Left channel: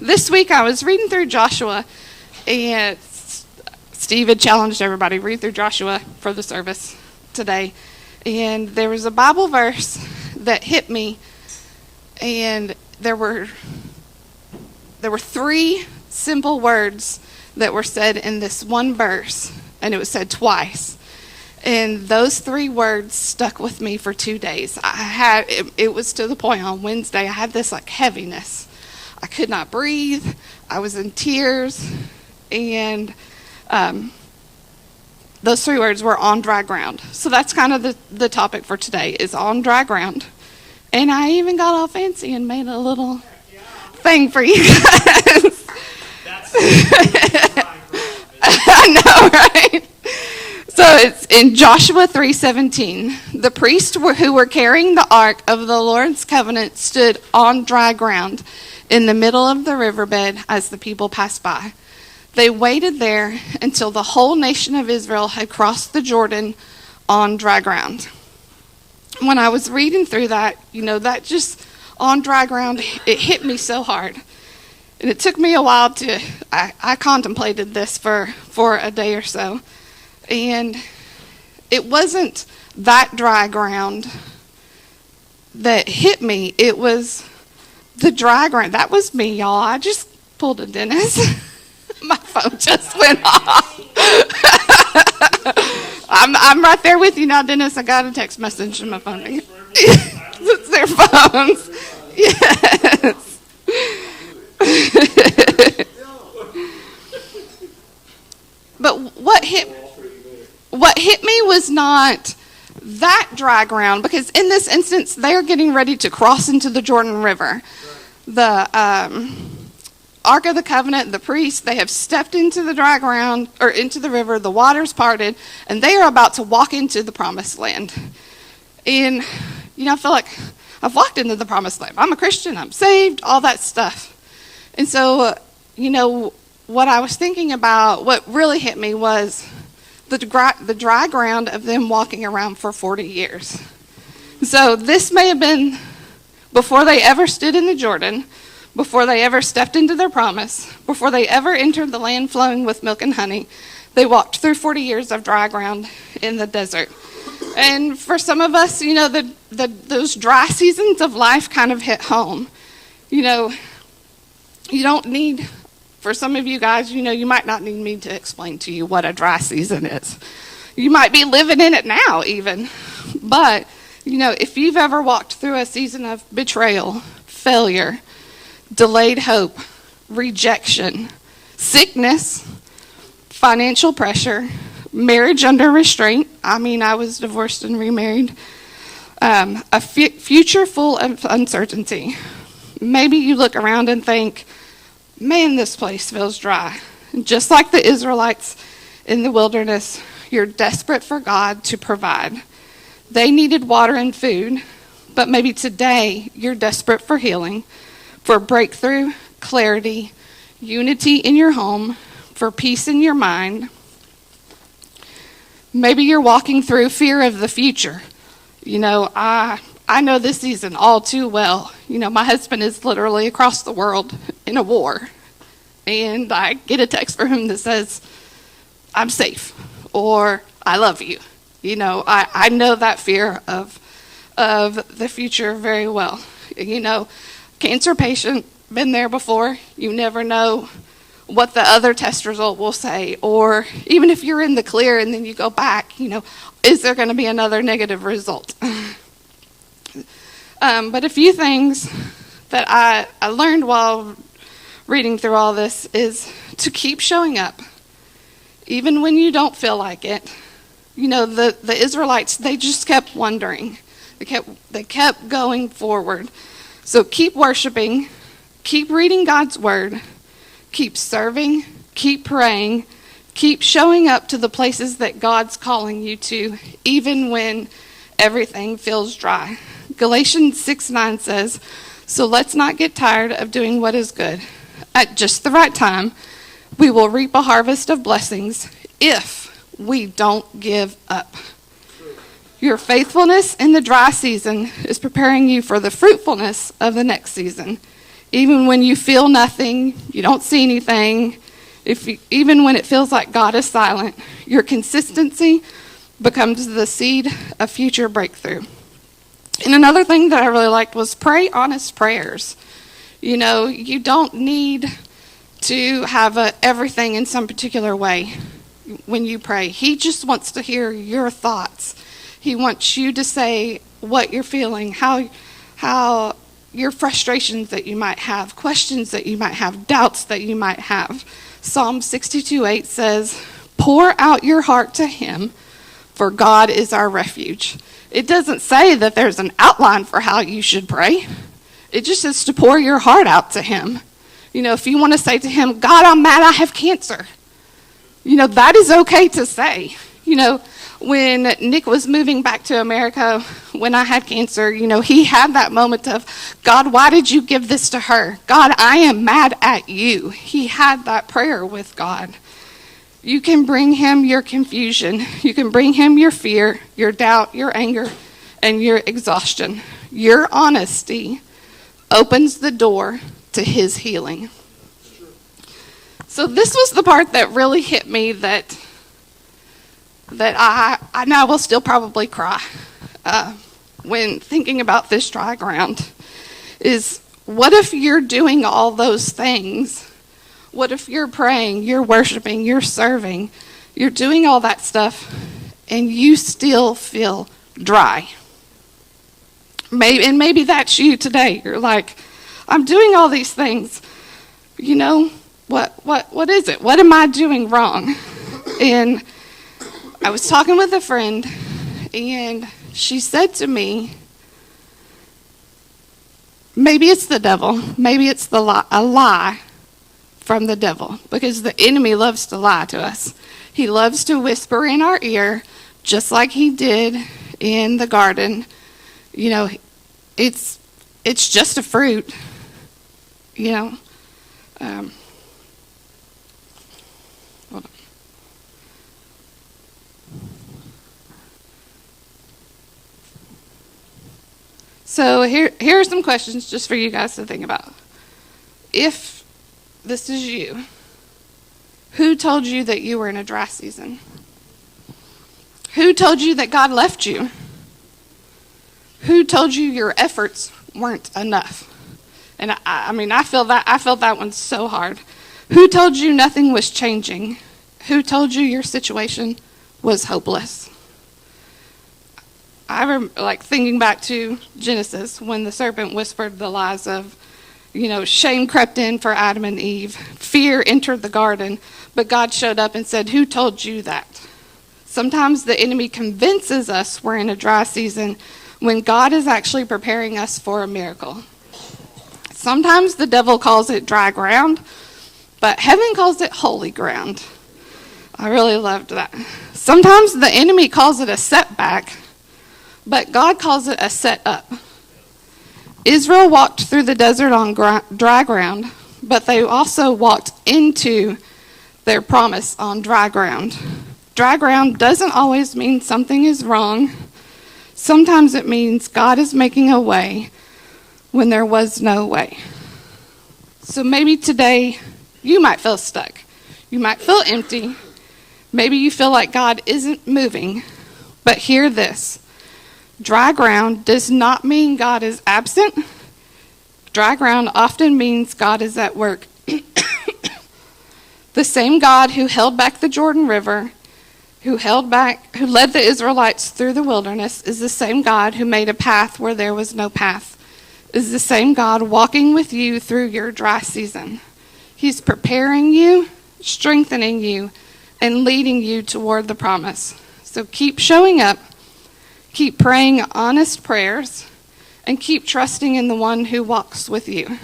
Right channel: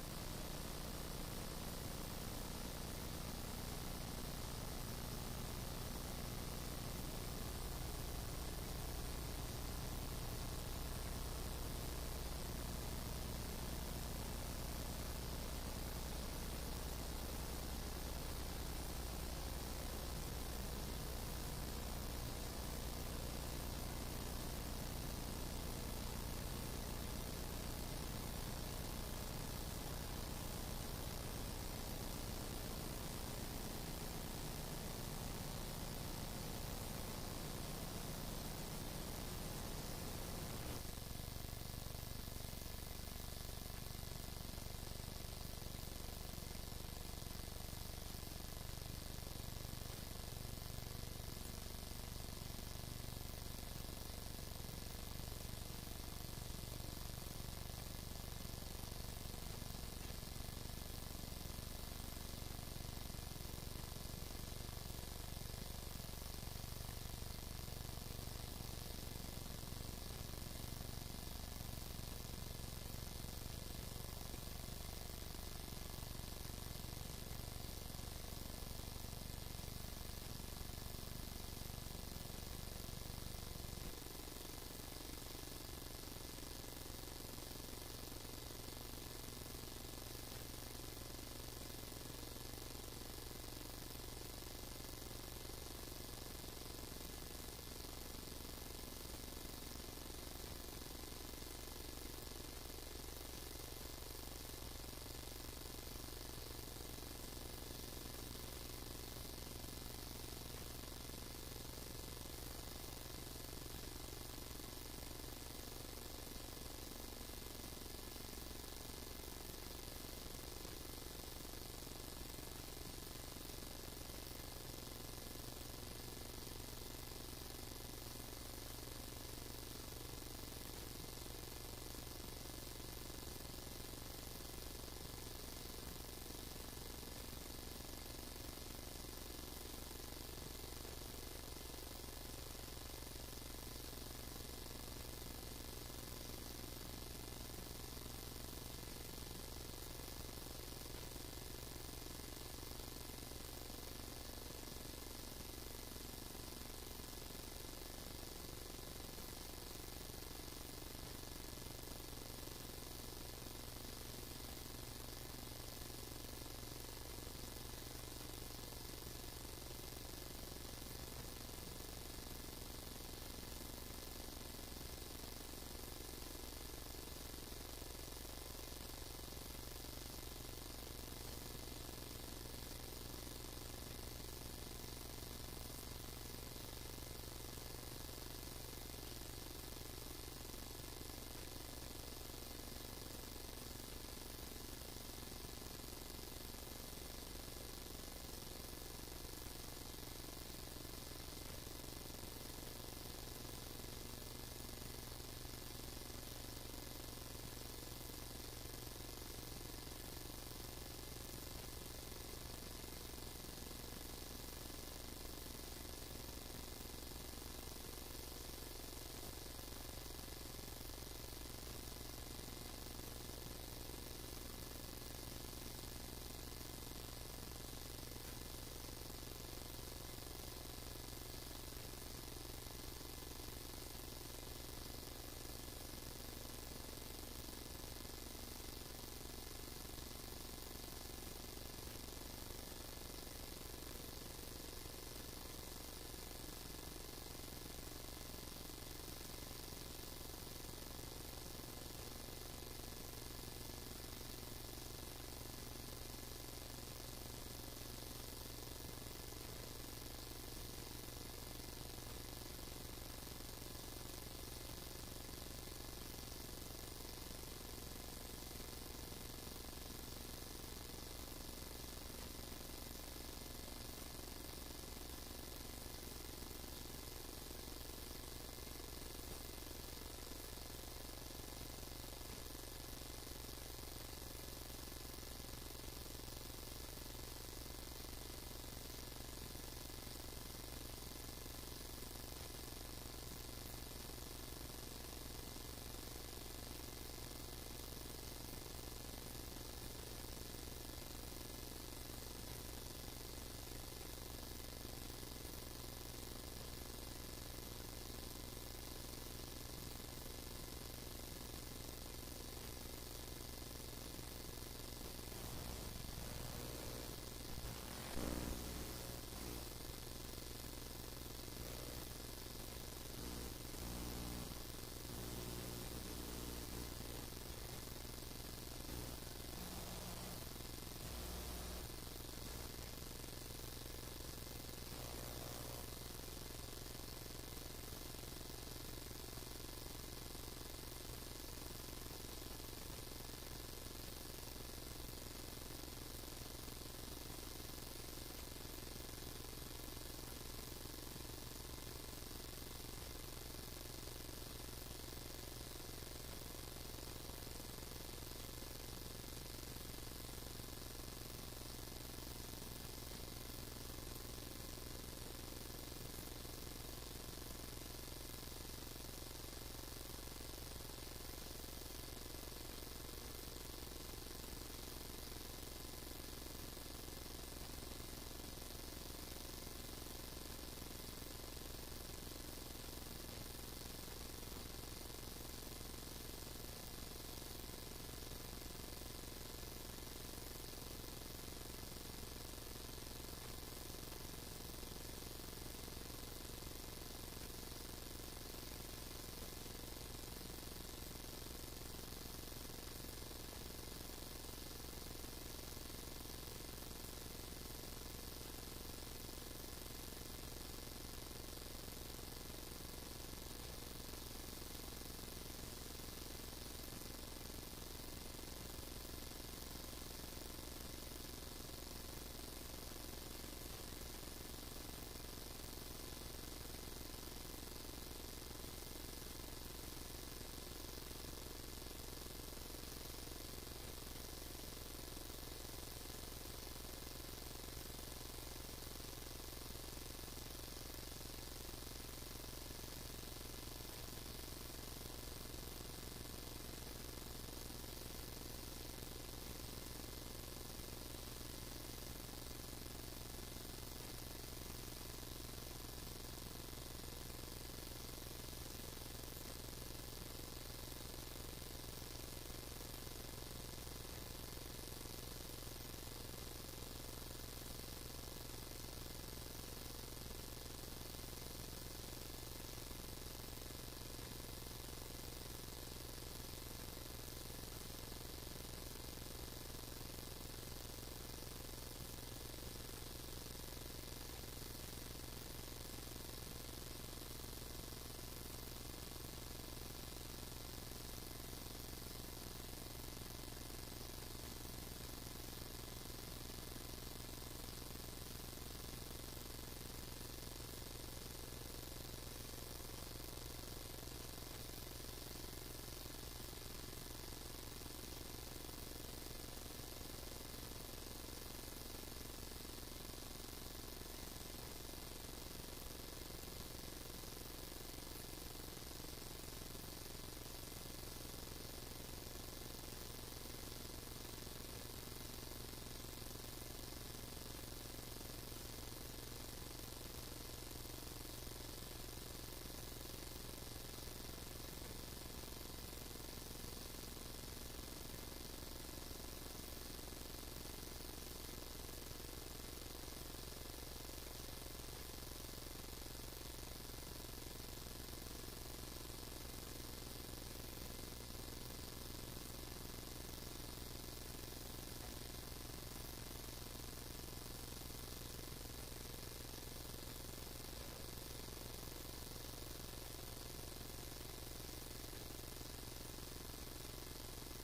This week I was reading through Joshua, and Steve had challenged everybody read through Joshua for the service today. And there was a Bible verse that hit me, and there were three simple words that were said in this one verse, and it was said twice. And those three words stuck with me for 2 days. It was to the point on Wednesday I had this heaviness. I could not breathe. I was in tears. And those three words were on dry ground. So that's kind of the topic for today, is on dry ground. And I even got all fancy and made a little thing for you guys. I know, right? So it's in Joshua 3:17. The priests who were carrying the ark of the Lord's covenant stood on dry ground in the middle of the riverbed as the people passed by. They waited there until the whole nation of Israel had crossed the Jordan on dry ground. When I was reading through that, that just on dry ground, it hit me so hard. And it took me a while I contemplated this for a day or so. And it wasn't that dry ground that hit me. It was the dry ground. That was me, y'all. I just pulled a Dennis. My phone just went off. I'm right there with you now, Dennis. I got a text message on my phone. It's their phones. Yes. But what hit me was not that dry ground, because in this instance, they are getting ready to cross into the Jordan River. The Ark of the Covenant, the priests, they have stepped into the dry ground, or into the river, the water's parted, and they are about to walk into the promised land. And, I feel like I've walked into the promised land. I'm a Christian, I'm saved, all that stuff. And so, what I was thinking about, what really hit me was the dry ground of them walking around for 40 years. So this may have been before they ever stood in the Jordan, before they ever stepped into their promise, before they ever entered the land flowing with milk and honey. They walked through 40 years of dry ground in the desert. And for some of us, those dry seasons of life kind of hit home. You don't need... For some of you guys, you might not need me to explain to you what a dry season is. You might be living in it now even. But, if you've ever walked through a season of betrayal, failure, delayed hope, rejection, sickness, financial pressure, marriage under restraint. I was divorced and remarried. A future full of uncertainty. Maybe you look around and think, man, this place feels dry. Just like the Israelites in the wilderness, you're desperate for God to provide. They needed water and food, but maybe today you're desperate for healing, for breakthrough, clarity, unity in your home, for peace in your mind. Maybe you're walking through fear of the future. I know this season all too well. My husband is literally across the world in a war. And I get a text from him that says, I'm safe, or I love you. I know that fear of the future very well. Cancer patient, been there before. You never know what the other test result will say. Or even if you're in the clear and then you go back, is there going to be another negative result? But a few things that I learned while reading through all this is to keep showing up, even when you don't feel like it. The Israelites, they just kept wondering. They kept going forward. So keep worshiping, keep reading God's word, keep serving, keep praying, keep showing up to the places that God's calling you to, even when everything feels dry. Galatians 6:9 says, so let's not get tired of doing what is good. At just the right time, we will reap a harvest of blessings if we don't give up. Your faithfulness in the dry season is preparing you for the fruitfulness of the next season. Even when you feel nothing, you don't see anything, even when it feels like God is silent, your consistency becomes the seed of future breakthrough. And another thing that I really liked was pray honest prayers. You know, you don't need to have everything in some particular way when you pray. He just wants to hear your thoughts. He wants you to say what you're feeling, how your frustrations that you might have, questions that you might have, doubts that you might have. Psalm 62:8 says, "Pour out your heart to him, for God is our refuge." It doesn't say that there's an outline for how you should pray. It just says to pour your heart out to him. You know, if you want to say to him, "God, I'm mad I have cancer," you know, that is okay to say. You know, when Nick was moving back to America, when I had cancer, you know, he had that moment of, "God, why did you give this to her? God, I am mad at you." He had that prayer with God. You can bring him your confusion. You can bring him your fear, your doubt, your anger, and your exhaustion. Your honesty opens the door to his healing. So this was the part that really hit me, that I know I will still probably cry when thinking about this dry ground, is what if you're doing all those things? What if you're praying, you're worshiping, you're serving, you're doing all that stuff, and you still feel dry? Maybe that's you today. You're like, "I'm doing all these things. You know, what is it? What am I doing wrong?" And I was talking with a friend, and she said to me, maybe it's the devil. Maybe it's a lie from the devil, because the enemy loves to lie to us. He loves to whisper in our ear, just like he did in the garden. You know, it's just a fruit, you know. Hold on. So here are some questions just for you guys to think about. If this is you, who told you that you were in a dry season? Who told you that God left you? Who told you your efforts weren't enough? And I feel that one so hard. Who told you nothing was changing? Who told you your situation was hopeless? I remember, like, thinking back to Genesis, when the serpent whispered the lies of, you know, shame crept in for Adam and Eve. Fear entered the garden, but God showed up and said, "Who told you that?" Sometimes the enemy convinces us we're in a dry season when God is actually preparing us for a miracle. Sometimes the devil calls it dry ground, but heaven calls it holy ground. I really loved that. Sometimes the enemy calls it a setback, but God calls it a set up. Israel walked through the desert on dry ground, but they also walked into their promise on dry ground. Dry ground doesn't always mean something is wrong. Sometimes it means God is making a way when there was no way. So maybe today you might feel stuck. You might feel empty. Maybe you feel like God isn't moving. But hear this. Dry ground does not mean God is absent. Dry ground often means God is at work. The same God who held back the Jordan River, who led the Israelites through the wilderness, is the same God who made a path where there was no path. Is the same God walking with you through your dry season. He's preparing you, strengthening you, and leading you toward the promise. So keep showing up. Keep praying honest prayers, and keep trusting in the one who walks with you.